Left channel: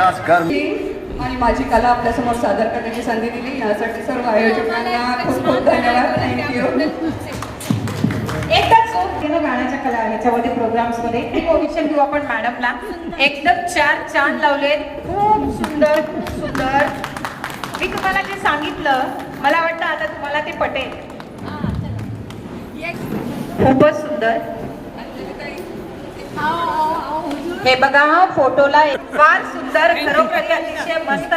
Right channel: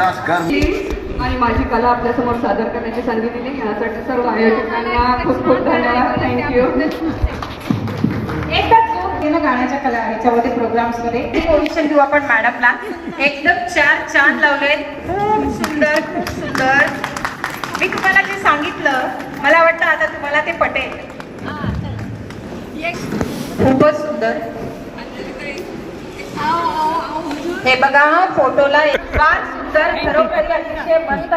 आणि माझी कला आपल्यासमोर सादर करण्याची संधी दिली यासाठी सर्व आयोजकांना खूप खूप धन्यवाद. थँक्यू. एकच गाण्याच्या कला ह्याच्यामध्ये प्रोग्राम्स मध्ये पोझिशन देऊ आपण मॅडमला. एकदम 4 चांद लावले. खूप सुंदर खूप सुंदर. मी तुम्हाला जे सांगितलं मला वाटतं आता तुम्हाला ते पटेल. खूपच सुंदर. हे बघा फोटोला फार सुंदर खरोखर अतिशय मस्त